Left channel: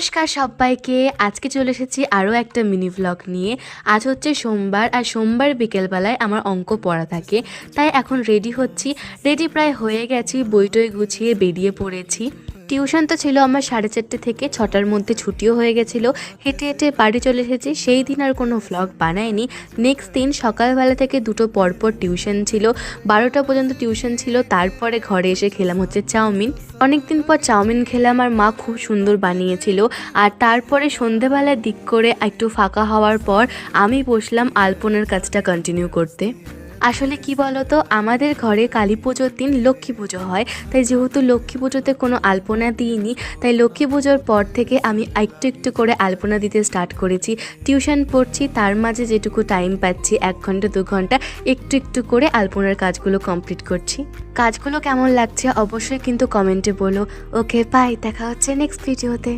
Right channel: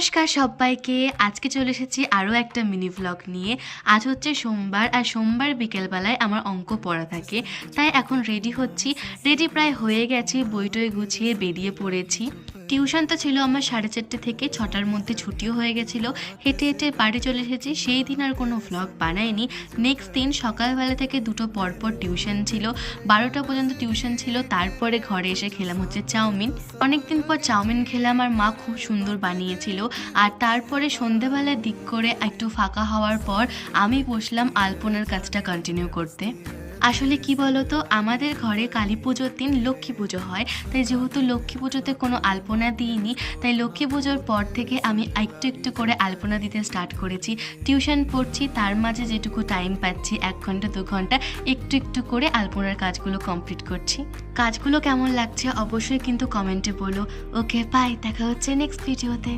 নমস্কার সবাইকে। আজকে চলে এসেছি আরও একটা মিনি ব্লগ নিয়ে। আজ হচ্ছে সোমবার, আর সোমবার বিকেলবেলায় আমার অঙ্ক পড়া থাকে, তাই এখন রেডি হচ্ছি। রেডি প্রায় হয়ে গেছি, বইটই গুছিয়ে বেরিয়ে পড়েছি। টিউশন তো ছিল আমার 4:30 থেকে 6টার মধ্যে, ছুটিও হয়ে গেছিলো। হেঁটে হেঁটে বাড়ি চলে এসেছি। সেই দিন আর কোনো ভ্লগ বানাইনি। নেক্সট দিন সকালবেলা থেকে দুটো পরপর টিউশন ছিল, 12টা পর্যন্ত টিউশন ছিল। তারপরে ঘরে এসে খেলাম হচ্ছে চাউমিন। অনেকদিন পর চাউমিন খেলাম, আর মা খুব সুন্দর বানিয়েছিল। আর তারপরে সন্ধেবেলার দিক করে একটু ফাঁকা হওয়ার পর আমি বসলাম আলপনার কাজটা কন্টিনিউ করতে। আসলে কি বলতো, আমাদের ঘরে কালী পুজোর দিন লক্ষ্মী পুজো হয়, তাই যেহেতু লক্ষ্মী পুজোতে কোনো আলপনা দিইনি, তাই লক্ষ্মী পুজোর পর থেকে আমি একটু একটু করে আলপনা দিতে স্টার্ট করেছি। টিউশন পড়ছি, তার মাঝে যেটুকু টাইম পাচ্ছি 1 ঘন্টা 2 ঘন্টা একটু একটু করে আলপনার কাজগুলো কমপ্লিট করছি। কাজগুলো কেমন লাগছে অবশ্যই কিন্তু কমেন্টে বলো। ওকে, বাই, দেখা হচ্ছে নেক্সট ভিডিওতে।